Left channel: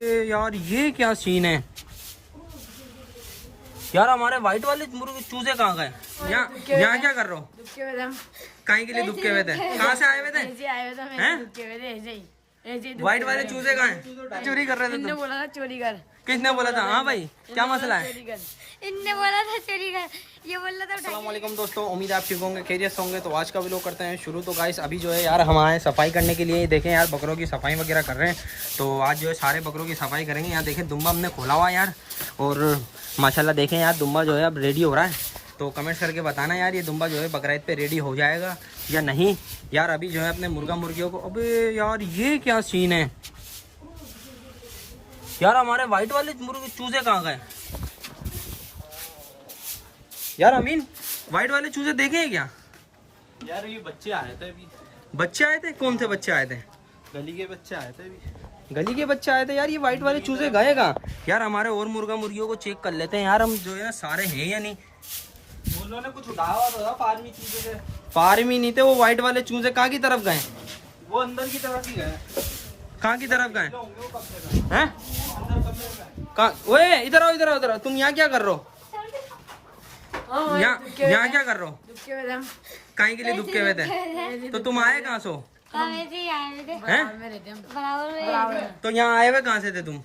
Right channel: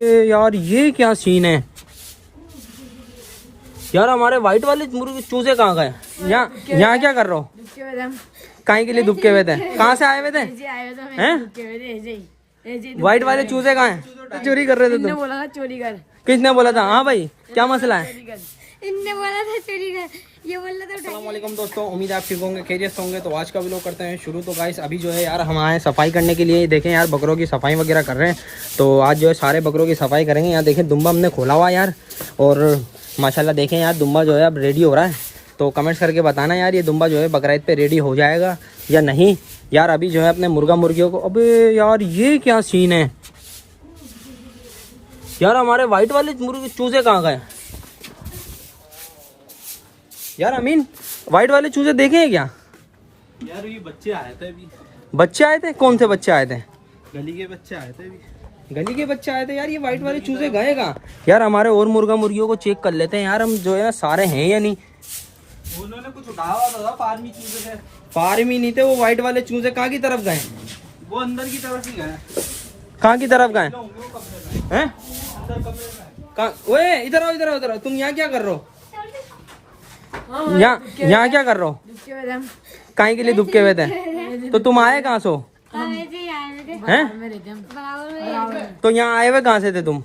यार ये क्या सीन है यार। हमारे व्हाइट वाले मुर्गे चूजे कहाँ गए? यहाँ क्या कर रहे हो? कहीं के लिए दुबके हुए थे? कहाँ से आए हुए थे? हैं? व्हाइट वाले चूजे कहाँ हैं? चोरी कर रहे थे तुम? बोला था चोरी कर। किसने बोला था? हाँ भाई क्या मसला है? इनने बोला था चोरी कर, ये बोला था। अस्सलाम वालेकुम दोस्तों, उम्मीद है आप ठीक होंगे, खैरियत से होंगे। तो आज का व्लॉग करते हैं शुरू। तो गाइस अभी जो है यार हम आए सफाई करने के लिए। देखें यार बकरों की सफाई वगैरह कर रहे हैं। तो आज जो है सारे बकरों की सफाई करेंगे। यहाँ देखें दुम्बा हमने खोला हुआ यार, और माशाल्लाह देखें यार दुम्बा जो है अब रेडी हो रहा है। तो कमेंट्स करके बताना यार ये दुम्बा जो है बकरीद पे रेडी हो जाएगा या नहीं। यार अभी जो है अपने मुर्गा मुर्गियों को, अबे यार ये क्या सीन है यार। हमारे व्हाइट वाले मुर्गे चूजे कहाँ गए यार? अमीन व्हाइट वाले चूजे देखे हैं क्या यार? ये बच्चे आए थे अभी। बच्चे आए थे? कौन से बच्चे आए थे? गली के बच्चे आए थे अभी। गली के बच्चे आए थे यार। ये व्हाइट वाले चूजे गए कहाँ यार? हमारे और मुर्गा मुर्गियों को चेक कर लेते हैं यार हम, जो है ना सारे हैं या नहीं। उन्होंने कुछ उठाया था, फार्मी चूजे थे। फार्मी नहीं थे वो व्हाइट वाले चूजे। कहाँ की तरफ गए? वो अंदर की तरफ ही गए। कहाँ की तरफ गए हैं? कहाँ? ओए इधर आओ, इधर आओ, इधर आओ। तुम यहाँ क्या कर रहे हो? यहाँ क्या कर रहे हो? कहीं के लिए दुबके हुए थे? तो तुम आए कहाँ से? हैं? तो यहाँ आए हुए कहाँ से थे तुम?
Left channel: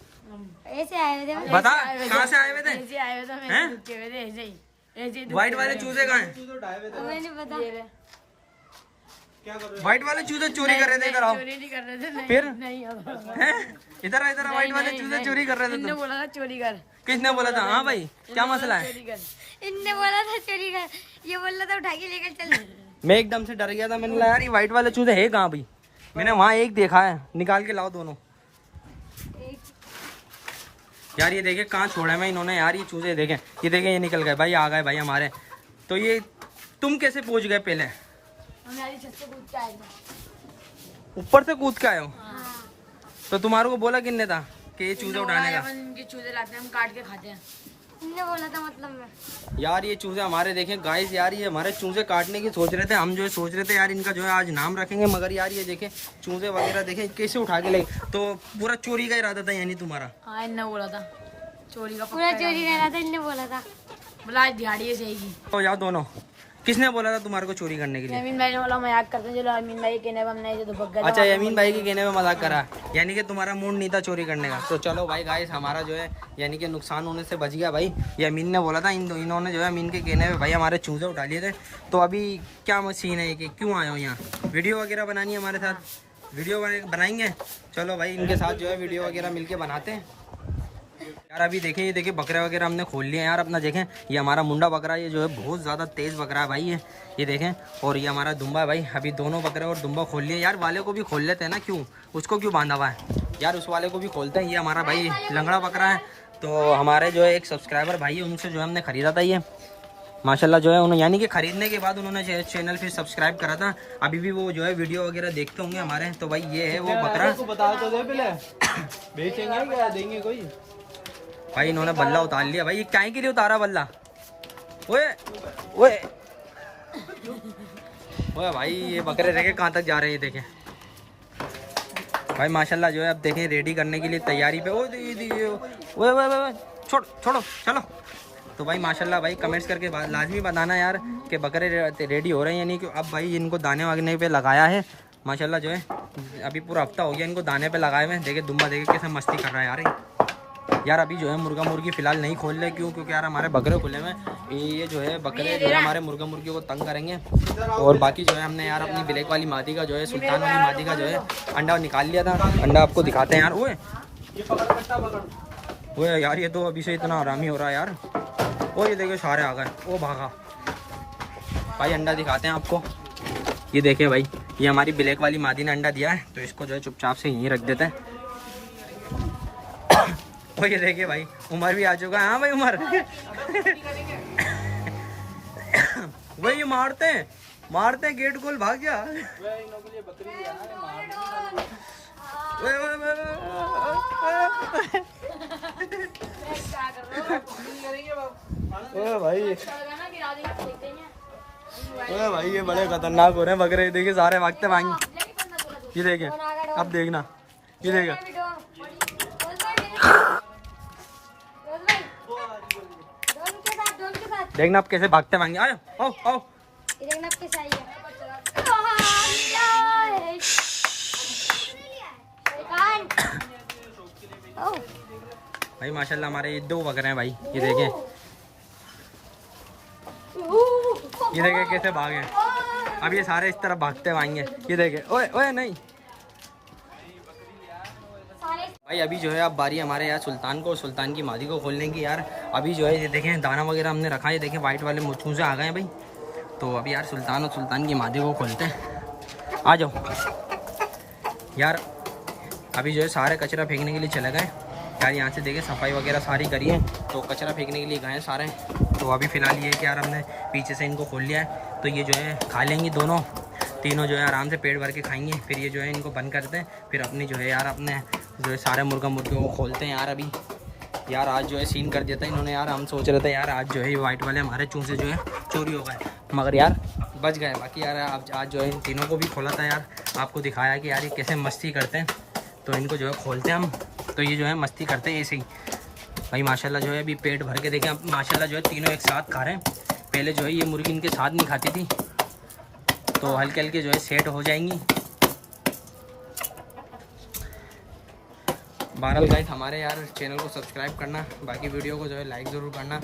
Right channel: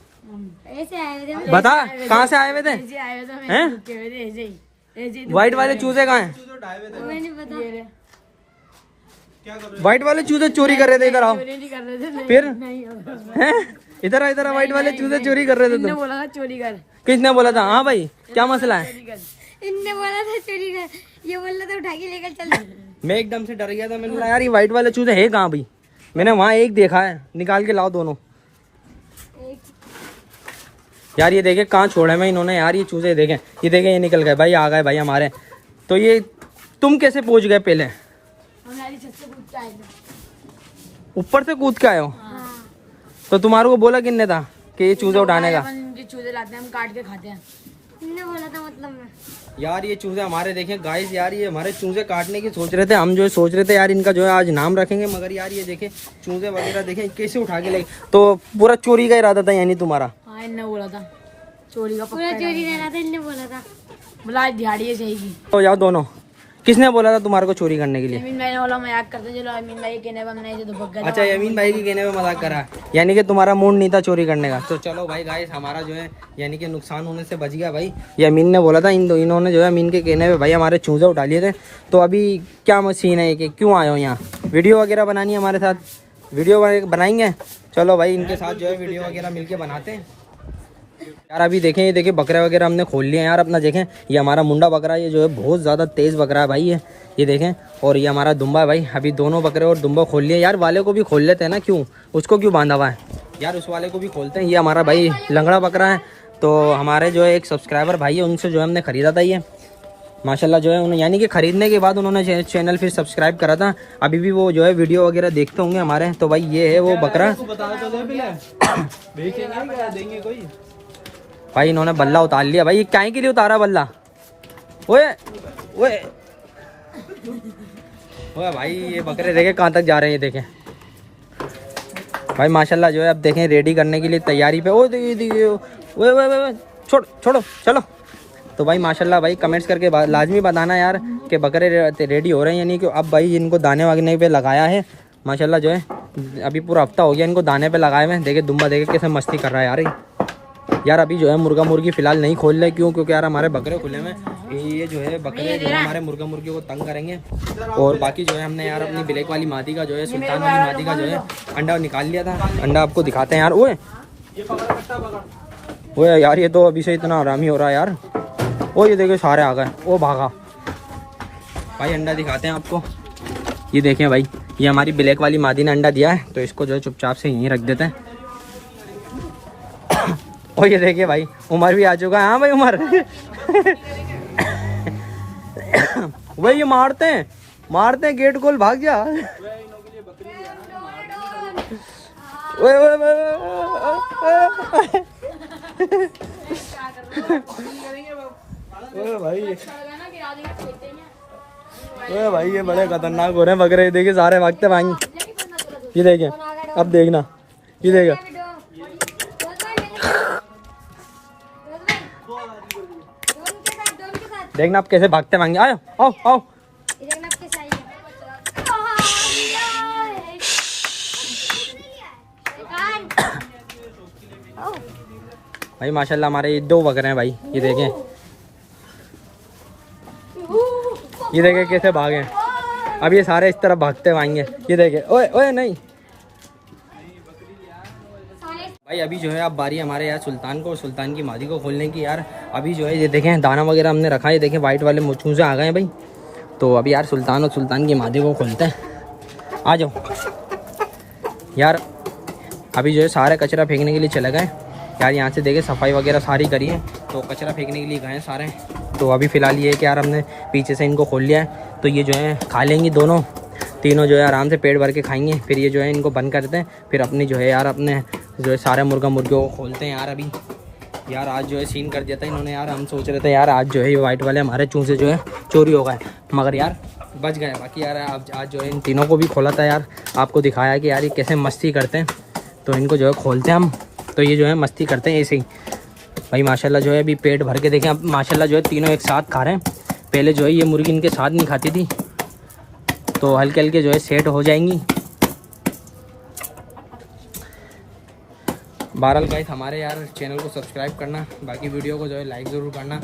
बता कहाँ से आए हुए थे? हैं? व्हाइट वाले चूजे कहाँ हैं? व्हाइट वाले चूजे चोरी कर रहे थे। इधर आओ फिर। हैं? इधर आ, इधर आ। व्हाइट वाले चूजे चोरी कर रहे थे। तुम बोला था चोरी कर। किसने बोला था? हाँ भाई क्या मसला है? इनने बोला था चोरी कर, ये बोला था उठा के लेकर चल। मैं एकदम से डर गया था। मैंने बोला यार ये व्हाइट वाले चूजे है कहाँ भाई? मैंने वहाँ एक देखा है, निकाल के लाओ दोनों। यार ये देखे कहाँ छोड़े मैं इन्होंने यार। ये चूजे देखें, ये देखें ये निकल गए भाई, आ गए भाई हमारे। तो ये तुम कैसे पहुँच गए? पहले ऊपर से कूद के आए हो? तो तुम्हारे को बोला किसने था कि ये चूजे उठाने का? चूजे लाते हैं हम, काट के खाते हैं। इनने बोला था मतलब मैं। यार ये चूजे हमारे देखें गाइस, यार ये हमारे चूजे काटने की सोच रहे थे। हम जो है सोच रहे थे यार इनका जो है आज नाम रखेंगे, मगर यार ये देखें चूजे वगैरह देखें कैसे उठा के ले। तो पूरा चोरी का इरादा था यानी तुम्हारा? हाँ इनने बोला था चोरी का, पूरा चोरी करा था। इनने बोला था बोला दिहाड़ी है सही की। तो यार दोनों किसने बोला था तुम्हारे को चोरी करने के लिए? अमीन भाई वाला मजाक करते चलो। अमीन भाई कहने पे हमने जो भग गए। अच्छा यमीन भाई के कहने पे मजाक करा, यानी कि तुम्हारा मूड नहीं था चोरी करने का। तो चलो भाई गाइस हमारा जो है यानी कि नुकसान होने से बच गया भाई। ये अमीन ने बोला था, इन्होंने जो है अमीन के कहने पे भाई हमारे चूजे उठा लिए थे। तो अभी क्या मशीन है कि क्यों आए हो यहाँ? वीडियो वगैरह बनानी है हमारे साथ? वीडियो बनाएंगे। चलो भाई इनके साथ जो है वीडियो वगैरह मिल बनाते हैं यार। अभी देखें ये देखें बकरे वगैरह हमने खोल लिए यार अपना। देखें ये हमारा मुंडा बकरा, ये जो है बहुत ज़्यादा तेज़ बकरा है भाई ये देखें। और ये हमारा दुम्बा है भाई। अभी दोनों बकरे और दुम्बा खोल लिए यार। वाले को भी खोल लेते हैं ना, क्यों उसको क्यों बांधा हुआ है यार? उस वाले को भी खोलते हैं। ये हमारा भाई लंगड़ा बकरा है। तो हमारे जो है एक सब्सक्राइबर भाई है, उनसे जो है हमने ख़रीदा था ये माशाल्लाह जो है उन्होंने, यानी कि ख़रीदने के बाद उन्होंने चैनल फिर सब्सक्राइब करा था। अभी भी वो जो है वीडियो वगैरह देखते होंगे हमारे। तो भाई ये है वो बकरा भाई। इन्होंने बल्ला उतार लिया भाई। ये क्या के लिए उतारा बल्ला? ओए ओए ओए भाई ये बकरे देखे कहाँ तक जा रहे हैं। ये देखें भाई माशाल्लाह जो है अब देखें रेडी करने के लिए तैयारी पे। ओ ओए छोड़ो चलो। तो भाई माशाल्लाह भाई कमेंट्स करके लाजमी बताना यार कि बकरे रेडी हो रहे हैं यानी कि अब भाई इनको दाने वागने पे लगाया है माशाल्लाह। जो है अभी पूरा हफ्ता हो गया इनको दाने पे लगाए हुए। देखे दुम्बा देखे कैसे मस्ती कर रहा है यार अभी जो है मुर्गा मुर्गी फिलहाल नहीं खोल रहे। क्यों? क्योंकि यार हमारे बकरे खुले में ये जो है बकरे जो है हमारे मुर्गा मुर्गियों को तंग करेंगे। और बाकी जो है हमने यार अपनी ब्लैक वाली मादी का जो है, सुल्तान वाली मादी का जो है अंडा निकाल लिया था। अंडा आपको दिखाते हैं यार। ओए यार ये तो अभी से इतना आरामी हो रहा है यार। ओ ये देखिए सारे आ गए। ओ भागा भाई। अंडा दिखाते हैं आपको। ये देखें भाई ये हमारी ब्लैक वाली मादी ने अंडा दिया है। तो इसको जो है चुपचाप से यहीं रख देते हैं। और ये देखिए भाई उमर भी आ चुका है। हाँ भाई उमर वही ये मारते हैं गेट खोल भाग जा। भाई ये बड़े खतरनाक हो रहे हैं बकरे। देखिए सारे भागते भाई। ये देखें अब देखना, ये देखा देखना आप कैसे भागते भागेंगे। आओ आओ आओ। भाई माशाल्लाह हमारे ये 2 बकरे हैं भाई, ये देखें, ये देखें कैसे भागे। अब ये सारे इस तरफ भागते भागेंगे, ये देखें। ओए ओए नहीं भाई, अभी जो है अब बारी हमारे यार सुल्तान को, सुल्तान की मादी को खोलने की यार। अभी जो है ये देखें दाना वगैरह हमने रखा है, ये देखें वाइट वाले मुचूसे आ गए हैं भाई। तो अभी यार सुल्तान और सुल्तान की मादी को खोलते हैं। आ जाओ यार। अभी जो है सारे कचरा फेंकने के लिए चले गए यार। यहाँ से देखें सफाई वगैरह सारी करी है, तो कचरा फेंकने के लिए गए सारे। तो अभी फ़िलहाल ये है कि यार हमने पीछे से इनको खोल लिया है, तो ये जो है खा लेंगी दोनों तीनों, जो है आराम से पेट भर के खाएंगे। फिर ये जो है इनको बंद करते हैं, फिर अपनी जो है यार अपने जो है सारे मुर्गा मुर्गियों को खोलते हैं यार। अभी यार आज जो है सीन कर दिया था इन्होंने यार। हम सोच रहे थे यार आज जो है ये वाइट वाले हमारे चूजे जो है चोरी हो गए, मगर यार बच गए। बाकी यार आज जो है इन तीनों को भी खोला था यार, आपको दिखाया कि यार ये कैसे मस्ती करते हैं। तो इनको जो है खोलते हैं हम, तो ये जो है मस्ती करते हैं ऐसे ही भाई। माशाल्लाह जो है अभी पेट भर के देखें, अब माशाल्लाह जो है तीनों एक साथ खा रहे हैं। पहले जो है ये मुर्गी इनके साथ नहीं खाती थी, तो हल्के हल्के जो है सेट हो जाएंगी। बहरहाल गाइस हमारे यार चैनल को सब्सक्राइब करना, बाकी वीडियो को जो है लाइक ज़रूर करना।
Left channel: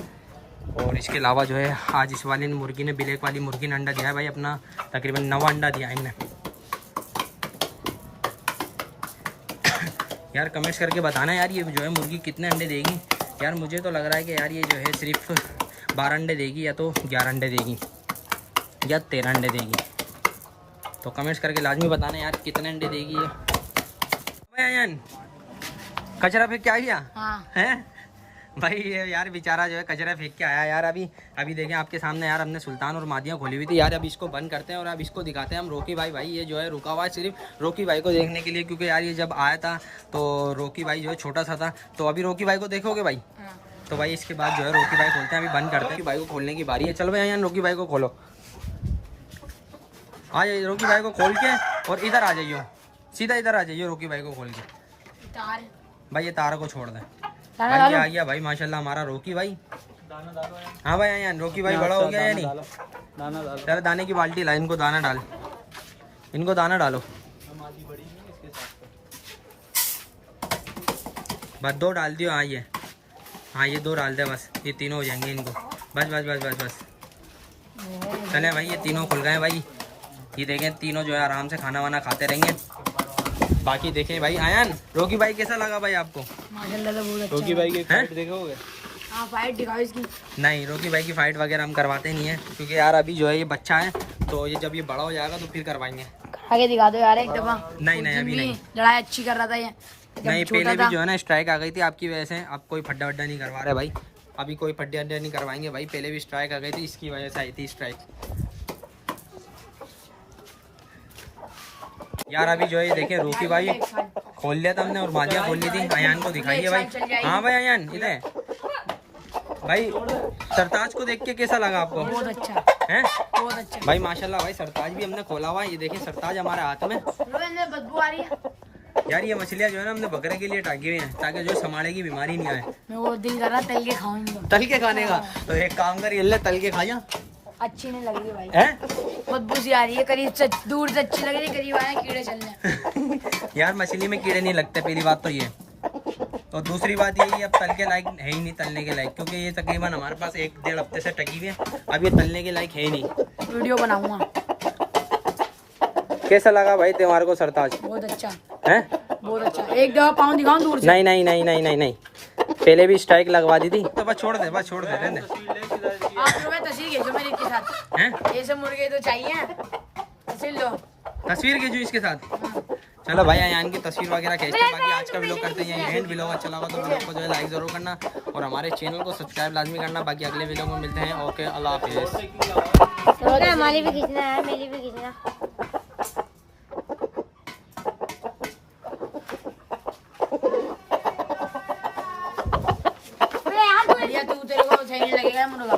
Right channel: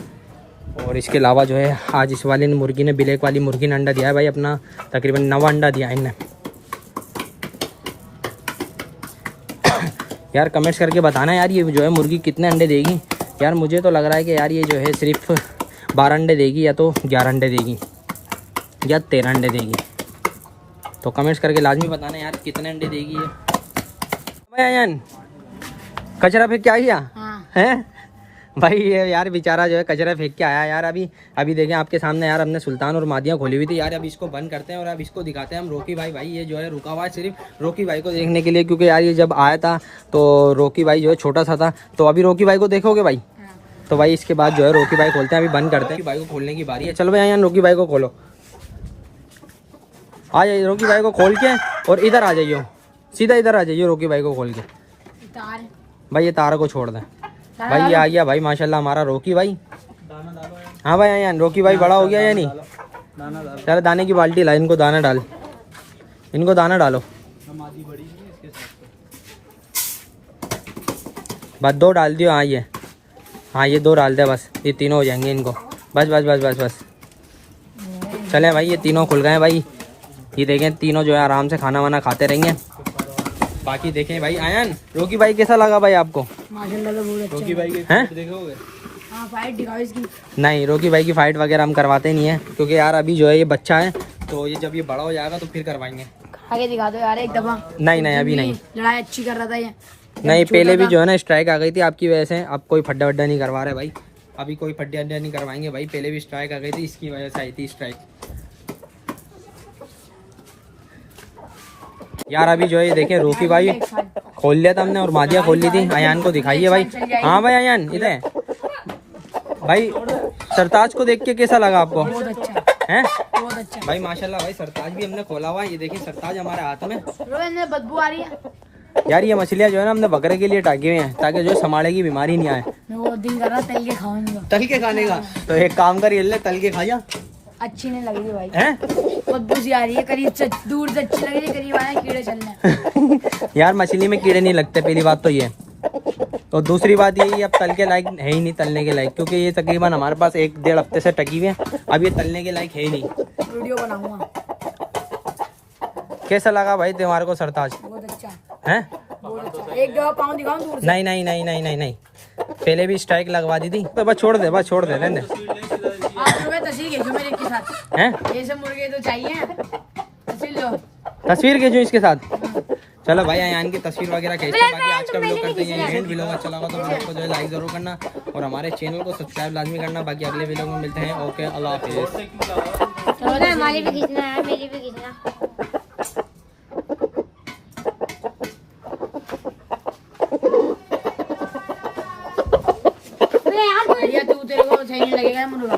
और इसके अलावा जो है आज इस वाली मुर्गी ने, ब्लैक वाली मुर्गी ने अंडा दिया है भाई अपना, तकरीबन 9 अंडा दिया है इनने। यार कमेंट्स करके बताना यार ये जो है मुर्गी कितने अंडे देगी। यार मुझे तो लग रहा है कि यार ये जो है सिर्फ 12 अंडे देगी, या तो 11 अंडे देगी, या 13 अंडे देगी। तो कमेंट्स करके लाजमी बताना यार कितने अंडे देगी ये। भाई कचरा फेंक के आ गया है भाई ये यार बेचारा जो है कचरा फेंक के आया यार। अभी देखें आपके सामने यार हमने सुल्तान और मादियाँ खोली हुई थी यार। अब इसको बंद करते हैं और अब इसको दिखाते हैं हम रोकी भाई। भाई ये जो है रुका हुआ है सिर्फ रोकी भाई को देखने के लिए, क्योंकि यार ये जब आया था तो रोकी भाई जो है छोटा सा था। तो अभी रोकी भाई को देखोगे भाई, तो भाई इसके बाद जो है रोकी भाई खोलते हैं। अभी बंद करते हैं, भाई को खोलने की बारी है। चलो भाई यहाँ रोकी भाई को खोलो, आ जाइए रोकी भाई को खोल के, और इधर आ जाइए, सीधा इधर आ जाइए रोकी भाई को खोल के। भाई ये तारा को छोड़ दें भाई। ये आ गया भाई माशाल्लाह हमारा रोकी भाई। हाँ भाई यहाँ रोकी भाई बड़ा हो गया या नहीं? चलो दाने की बाल्टी ला, इनको दाना डाल, इनको दाना डालो। बस 2 डाल दियो। हाँ ये 2 डाल दे बस, ये तीनों हो जाएंगे इनको। बस बस बस बस बस चले भाई, ये तीनों खुल गए भाई। ये देखें तीनों जो है आराम से खाना वाना खाते रहेंगे। बाकी देखें भाई आयन रोकी भाई कैसा लगा भाई आपको? माशाल्लाह तो बहुत अच्छा रोकी भाई की हैं? फाइट देखोगे? हाँ फाइट दिखाओ इसकी। नहीं रोकी भाई की फाइट वगैरह हम करवाते नहीं है, क्योंकि यार अभी जो है ये बच्चा है, तो ये जब ये बड़ा हो जाएगा तो फिर करवाएंगे। आगे दिखा दो यार एक दफा। नहीं अभी नहीं। लड़ाई अच्छी कर रहा था ये। नहीं पहले भी जो है ना स्ट्राइक आ गई थी आपकी वजह से। अब कोई फड्डा वड्डा नहीं करवा रहे भाई, अभी कोई फड्डा वड्डा नहीं करवाएंगे भाई। पहले भी स्ट्राइक आ गई थी, इसकी वजह से आई थी स्ट्राइक। यार अभी जो है ये देखें रोकी भाई खोल लिया था हमने, और मादिया खोल ली थी। अयान को दिखाइए भाई। हाँ भाई अयान इधर भाई। सरताज को देख के कैसा लगा आपको? बहुत अच्छा हैं बहुत अच्छा भाई माशाल्लाह भाई। सरताज भी हमने खोला हुआ है, ये देखें सरताज हमारे हाथ में। बदबू आ रही है यार ये मछलियाँ जो है ना हमने बकरे के लिए टाकी हुई हैं, ताकि जो है समाड़े की बीमारी नहीं आए। मैं वो दिन कर रहा तल के खाऊंगी। तल के खाने का? तो एक काम कर ये ले तल के खा जा। अच्छी नहीं लग रही भाई, हैं बदबू सी आ रही है। करीब से दूर से अच्छी लग रही है, करीब आए कीड़े चलने। यार मछली में कीड़े नहीं लगते, पहली बात तो ये। और दूसरी बात ये अब तल के लायक है ही नहीं, तलने के लायक, क्योंकि ये तकरीबन हमारे पास 1-1.5 हफ्ते से टकी हुई है। अब ये तलने के लायक है ही नहीं। वीडियो बनाऊंगा। कैसा लगा भाई तुम्हारे को सरताज? बहुत अच्छा हैं बहुत अच्छा। एक दफा पाँव दिखाऊं दूर से? नहीं नहीं नहीं नहीं नहीं नहीं, पहले भी स्ट्राइक लगवा दी थी। तो बस छोड़ दे रहने दे। आप तुम्हें तस्वीर खींचो मेरे के साथ। हैं ऐसे मुर्गे तो चाहिए, तस्वीर लो। तस्वीर खींचो इसके साथ। चलो भाई अयान की तस्वीर वगैरह खींचते हैं। बाकी आज का व्लॉग करते हैं एंड। व्लॉग अच्छा लगा तो व्लॉग को जो है लाइक ज़रूर करना, और हमारे चैनल को सब्सक्राइब लाजमी करना। बाकी अगले व्लॉग में मिलते हैं। ओके अल्लाह हाफिज़। हमारी भी खींचना है, मेरी भी खींचना। तू तेरे को सही नहीं लगेगा मुर्गा।